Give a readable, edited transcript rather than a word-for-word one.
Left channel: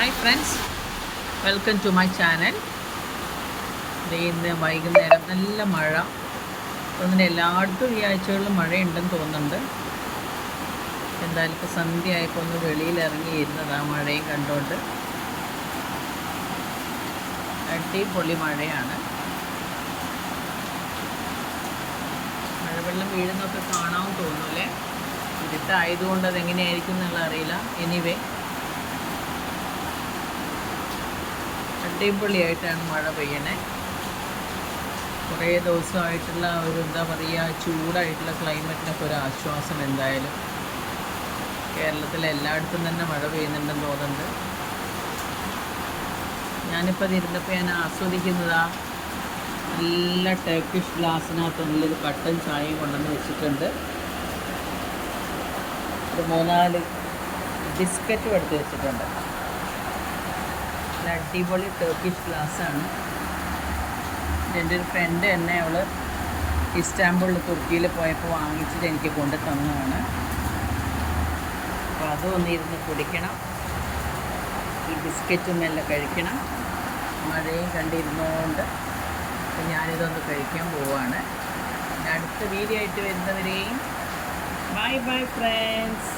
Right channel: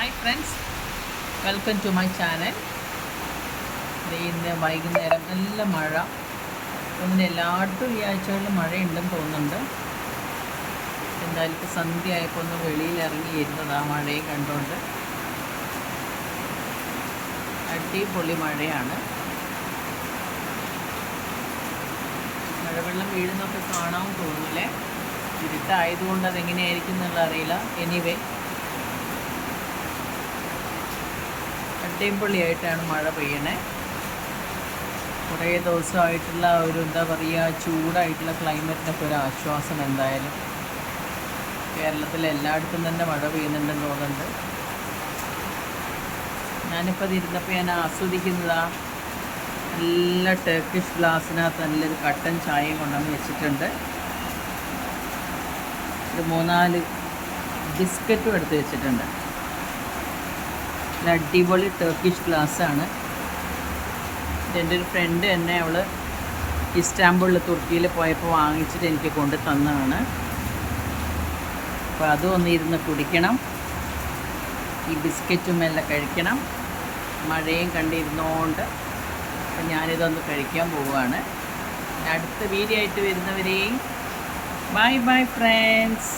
Hi friends, welcome to my channel. ഇന്ന് വൈകുന്നേരം നല്ല മഴ തോന്നുന്നു. എല്ലായിടത്തും ഈ ആഴ്ചകളിൽ മഴയുണ്ടെന്ന് തോന്നുന്നുണ്ട്. എന്തായാലും ഇപ്പോൾ സന്ധ്യ ആയപ്പോൾ ഒന്ന് വെളിയിലിറങ്ങിയിരുന്നത് ആ മഴയും കണ്ടുകൊണ്ട്. അടിപൊളി മഴയാണ്. മഴവെള്ളം വീഴുന്നൊക്കെ കാണാമെന്ന് തോന്നൂലേ. ഇരുട്ടായതുകൊണ്ട് അതെങ്ങനെയായിരിക്കും എന്നുള്ള അറിയില്ല. എനിവേ, അടിപൊളിയായിട്ടാണ് മഴ പെയ്യണേ. കുറേ ദിവസമായിട്ടുള്ള ഒരു എന്താ പറയുക, ചൂടായിട്ടുള്ള ക്ലൈമറ്റിനൊക്കെ ഒരു ആശ്വാസം എന്തായാലും. കേരളത്തിൽ എല്ലായിടത്തും തന്നെ മഴ പെയ്യുന്നുണ്ടെന്ന് തോന്നുന്നുണ്ട്. ഞാനിപ്പോൾ അതിരുന്നപ്പോൾ ഞാൻ ആസ്വദിക്കുന്നതാ നല്ല ടർക്കിഷ് ഗ്ലാസ്സിനകത്ത് നല്ലൊരു കട്ടൻ ചായയും കൊണ്ടുവന്ന് വെച്ചിട്ടുണ്ട്. ഒരു 3-4 ബിസ്ക്കറ്റും എടുത്ത് വെച്ചിട്ടുണ്ട്. അടിപൊളി ടർക്കിഷ് ഗ്ലാസ്സാണ്. എൻ്റെ ഒരു ഫ്രണ്ട് തന്നെ, അവൾ ഇസ്താംബുളിൽ തുർക്കിയിൽ പോയപ്പോൾ വാങ്ങിച്ചിട്ട് എനിക്ക് കൊണ്ട് തന്നതാണ്. അപ്പോൾ അതും ഒന്നിരുന്ന് കുടിക്കണം, ഈ ബിസ്ക്കറ്റും എല്ലാം കഴിക്കണം. മഴയും കണ്ടിരുന്നോണ്ട് അപ്പം ഞാനിതൊന്ന് കഴിക്കാൻ പോവുകയാണ്. അടുത്ത വീഡിയോ ആയിട്ട് വരുന്നവരെയും ബൈ ബൈ ഫ്രണ്ട്സ്.